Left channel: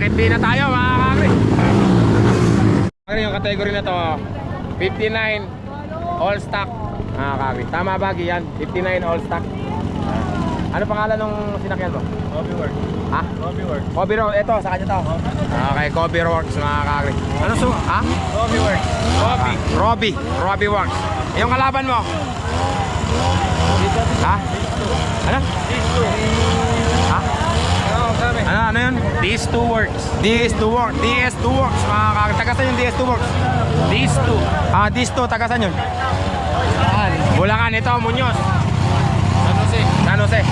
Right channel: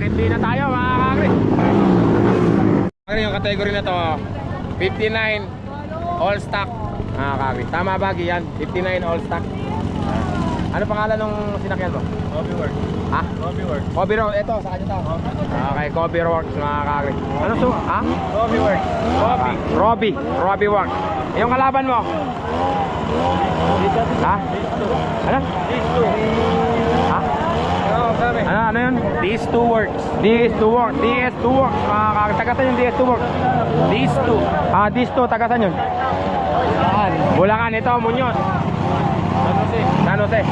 Bakit di na tayo mga kakri? Yung category na to 59 all stock mga kakri. Tama ba yan? 59 all stock. Ano pangalan nung sinakyan mo? Hobby Works. Ha? Hobby Works. Hobby Works. Ito, sa kanya to. Okay, Hobby Works mga kakri. Ano so? Ha? Hobby Works. Hobby. Hobby Works. Yung kalaban mo? Ha? Ano? Ha? Ano yun? DS2 Works. DS2 Works. DS2 Works mga kakri. Tagasan yung DS2 Works? DS2. Ah, DS2. Tagasan yun? Bulacan. Ito, Muñoz. San Jose.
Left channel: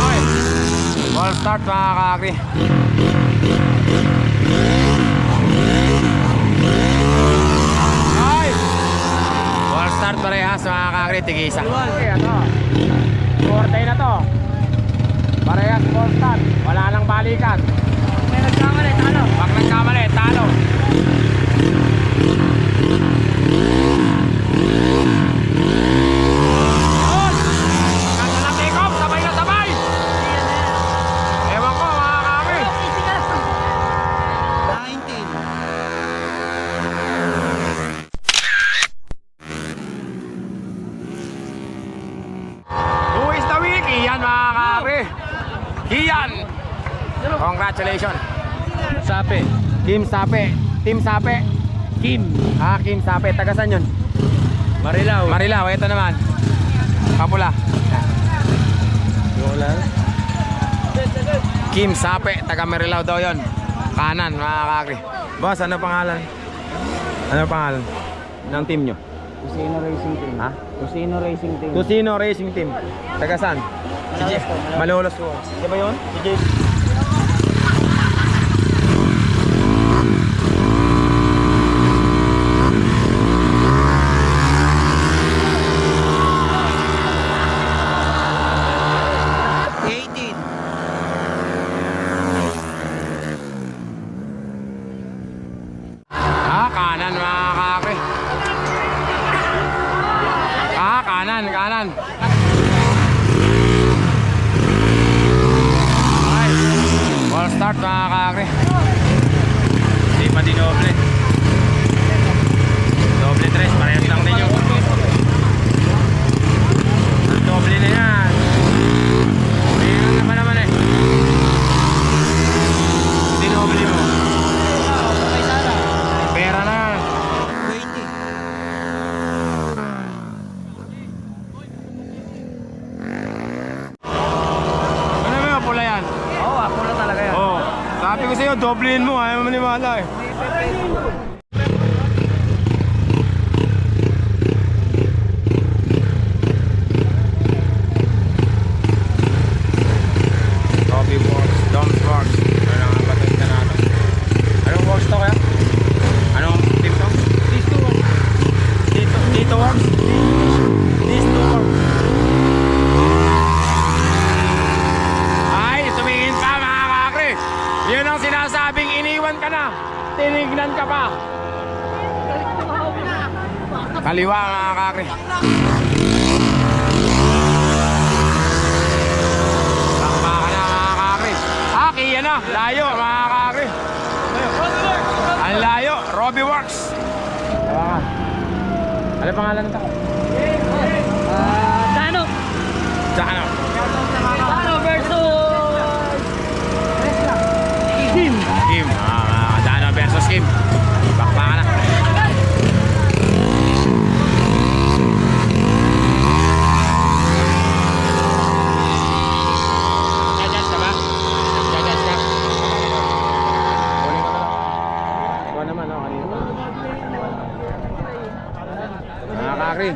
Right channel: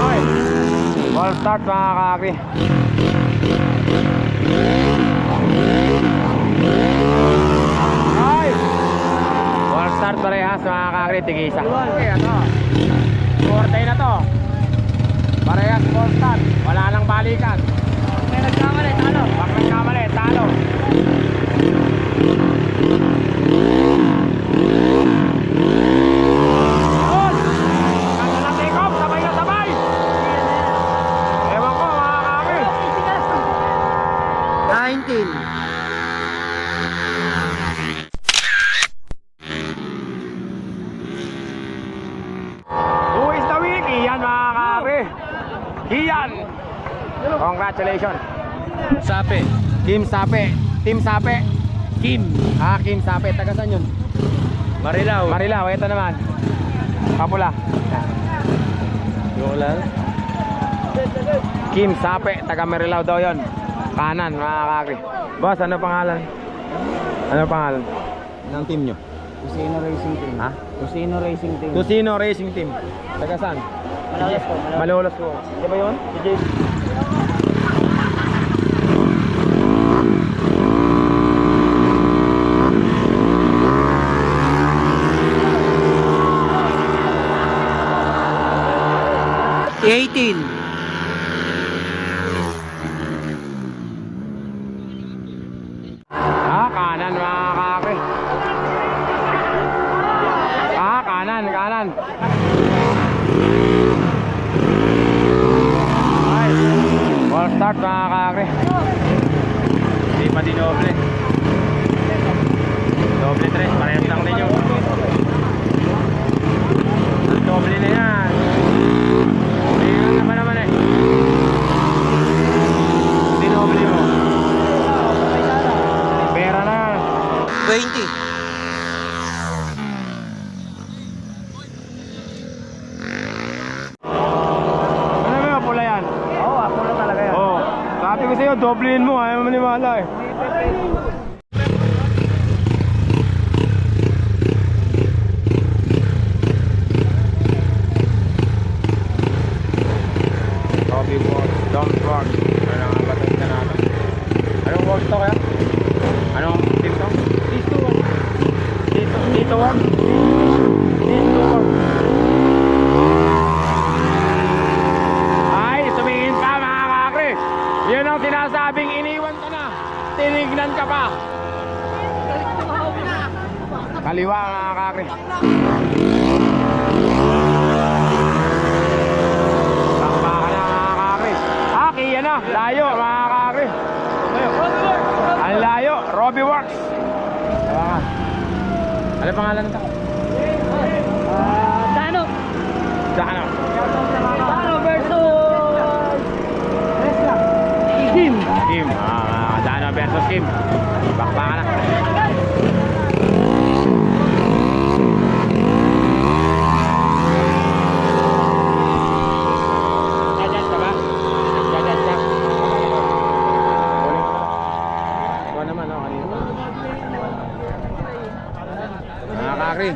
Okay. All start mga kakri. Okay. All start parehas mga kakri. Tigisa. Okay, ito. Forte na to. Parehas all start. Wala nang balikan. May nagkamali, talo. Pag nagkamali, talo. Kian, congratulations. Sape. Kim Sape. Team Sape. Kim. Kim Sape. Taga saan yun? Marilao. Marilao. Ito naman Kapula. Yung lang. Kim Sape. Taga Marilao daw yun. Kanan mga kakri. Boss, ano pangalan? Ano pangalan ng team nyo? Tusino Racing Team. Ha? Tusino Racing Team. Tusino Racing Team. Taga saan? Malolos po. Malolos po. Di ba yun? Si Jace. Kanan mga kakri. Kanan. Ay, all start mga kakri. Hindi pa dinoble. Doble tres, parehas lang din yung doble na yan. Ayan naman eh. Dinoble mo. Pera na. 20. Sabi ko sa'yo, doblein mo, ayaw mo maniwala eh. Hobby Works, Dom's Works. Ano ang batid na natin? Anong works to kaya? Anong team to? DS2 Works. Dito Works? DS2 Works. Ay, tumingin pa mga kakri. Yun ang sinasabing iniwan ka na. Tinignan ka pa. Kaliwa mga kakri. Takpa ka na mga kakri. Kiya na. Layo mga kakri. Ang layo. Hobby Works. Tawakan. Ano pangalan nito? Dano. Dano. Dano versus Kim. Kim. Dano versus Kim. Bakba ka na. Jajas ka ba? Jajas ka? Ikaw naman, no? Kanina. Mga kakri.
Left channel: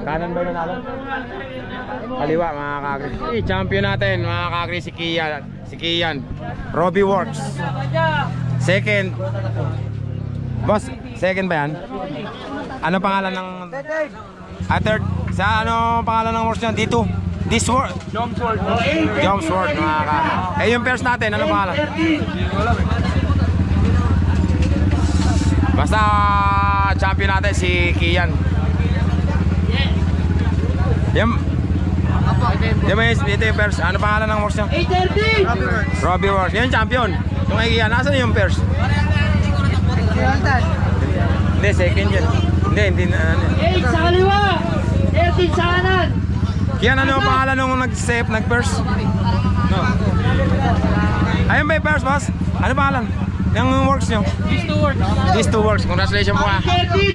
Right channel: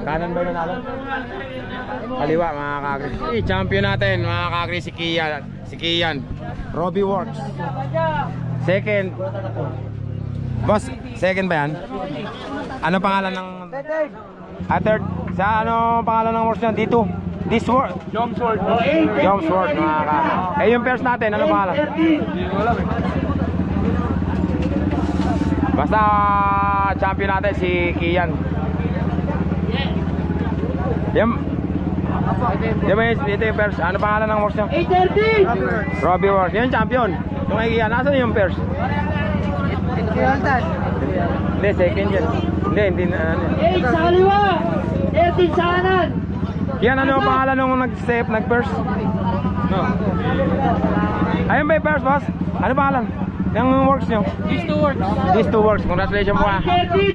Kanan ba yung nanalo? Kaliwa mga kakri. Champion natin mga kakri si Kian. Si Kian. Hobby Works. Second. Boss, second ba yan? Ano pangalan ng... third. Sa ano pangalan ng works niyan? Dito. This work. Dom's Works. Dom's Works mga kakri. Yung first natin, ano pangalan? Basta champion natin si Kian. Yan. Di ba ito yung pairs? Ano pangalan ng works nyo? 830! Robbie Works. Yan yung champion. Yung kay Kian, nasan yung pairs? Hindi, second yan. Hindi na. 8 sa kaliwa! 13 sa kanan! Kian, ano yung pangalan nung nag-pairs? No. Ayun ba yung pairs, boss? Ano pangalan? Yung works nyo? These two works. These two works. Congratulations po ah. 30!